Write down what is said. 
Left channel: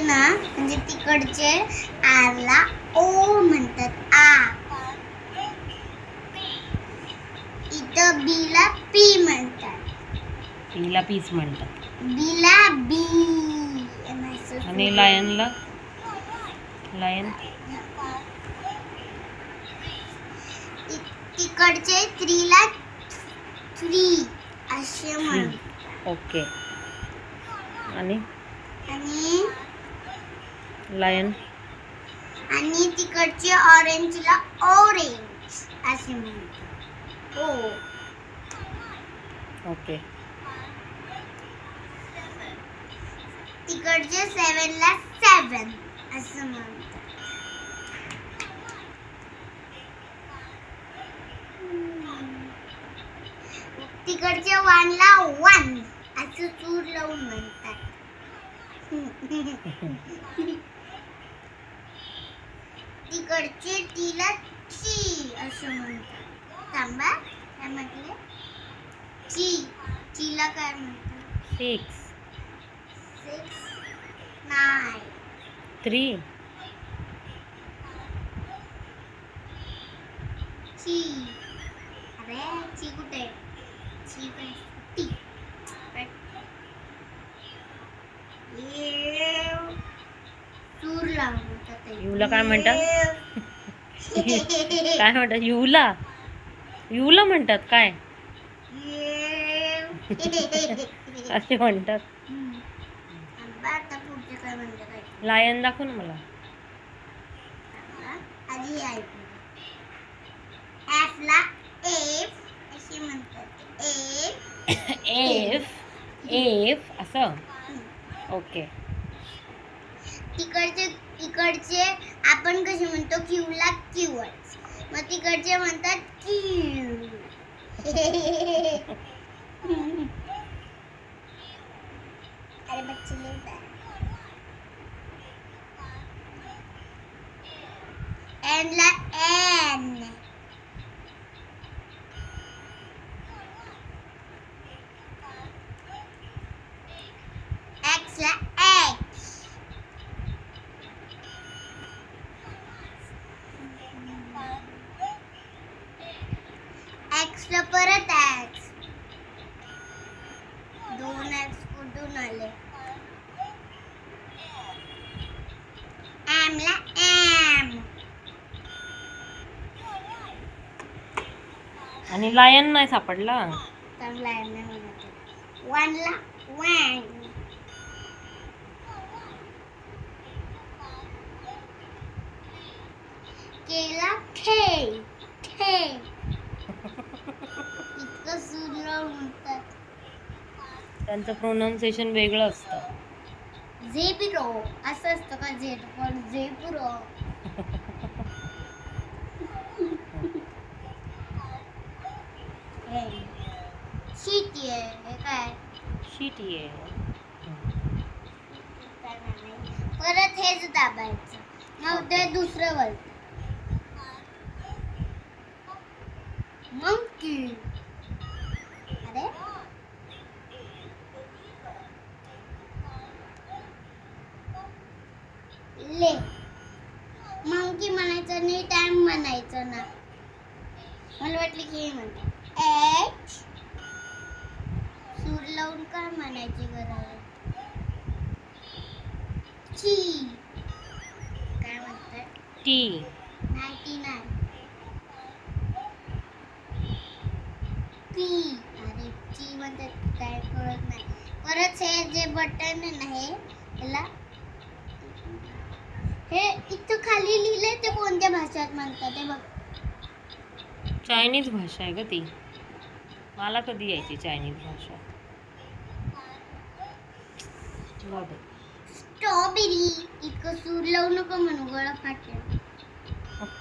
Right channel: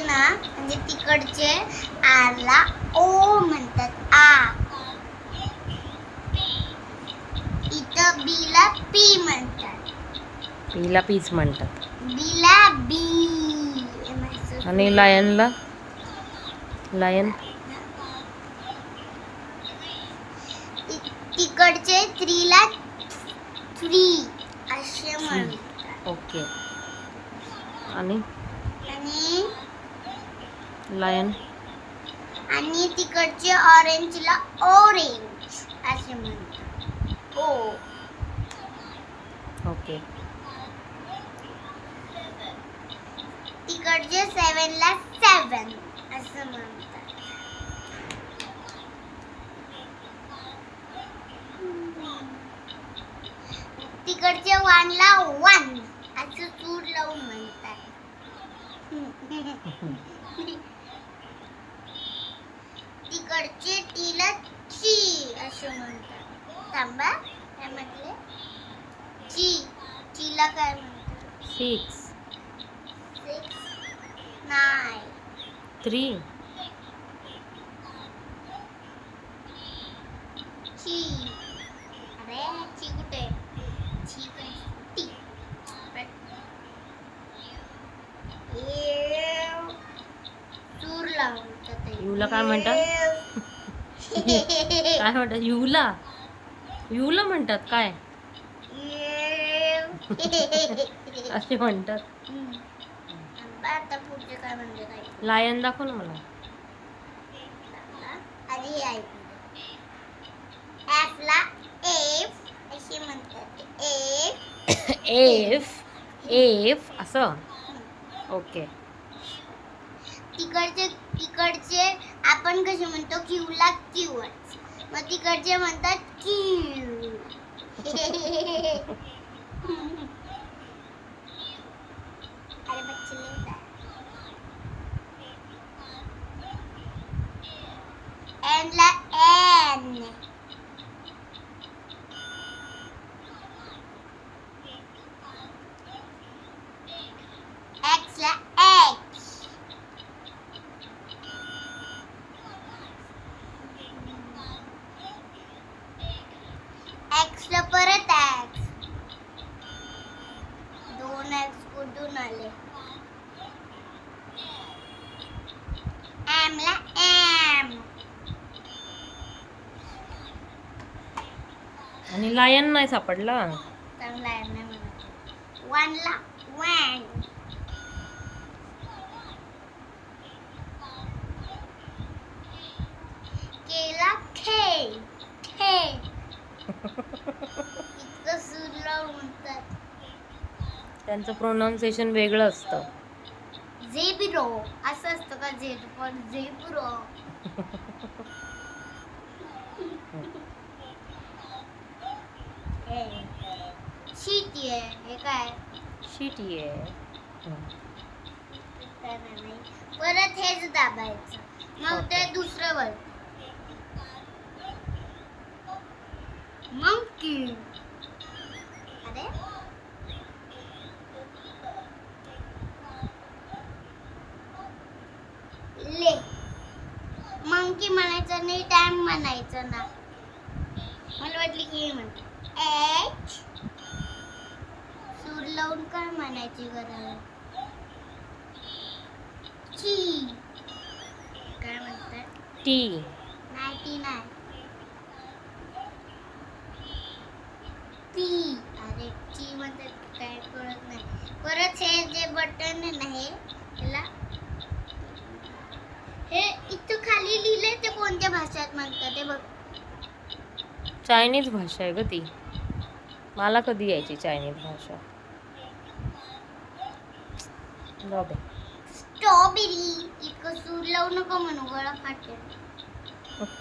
तिकडचे ना म्हणजे तिकडचे आला ओ म्हणतात आ. इथं बीला पी म्हणतात. पीला पीच म्हणतात. बीला बी. आणि लायनला लायन तिकडचे थ्रीला थ्री असे म्हणतात. ओके. आणि आणि लायन आणि तिकडचे ऑरेंजला ऑरेंज असे म्हणतात. ओ. ओके. तिकडचे सेवनला सेवन असं म्हणतात. तिकडचे वनला वन असं सूर लावून म्हणतात. तिकडचे टीला ची असं म्हणतात. थांबा काय म्हटले? चीला काय म्हणतात? 6 6 9 3 ची. अरे ची कुठे? ची काय? टी. सूर लावतात. युला काय म्हणतात? काय म्हणतात? युला म्हणतात काय? असे म्हणतात. आता पुढचे काय म्हणजे काय? लायन दाखव ना मला. आधी हे ऐकू. एफला एफ असे म्हणतात. एफ असं. ओके. तिकडचे आपण कसे म्हणतो क्यूला क्यूच. मग तिकडचे म्हणतात क्यू. अरे बच्चे लेता. एनला एन. एक्सला एक्स. एक्सला परत एक्स. 2 एक्स कुठून आले? एमला एम. आणि लायन नाही सापडला. चांगला आहे नाही म्हणायचं. वनला वन. केला थे. इतकं सूर लावून म्हणतात. त्यांचं प्रोनाउन्सिएशन वेगळं असतं. झेब्रो असं असतं का? झेड पण झेब्रो. शिटी आहे. हे काय? शिटी आहे. परत हेच दाबायचं. मग ते दुसरं वळतं. मंकी. अरे ले. मंकी म्हणायचं नाही. टाइम म्हणायचं ना. मला वाटलं की हे म्हणतात. एच सूर लावून काय म्हणायची गरज? ची. काय म्हणतात? टी. 99 टी. अरे ची म्हणतात काय कळत नाही. परत हे जे बटन आहे ना ह्याला हे इथं खाली लिहिलंय ते कोणत्या भाषेत म्हणतात ते बघ. चायनीज भाषा आहे ग ती. मला कधी यायची चायनीज भाषा. स्ट्रॉबेरी. इतकं सूर लावू नको म्हणू गळा फाटेल.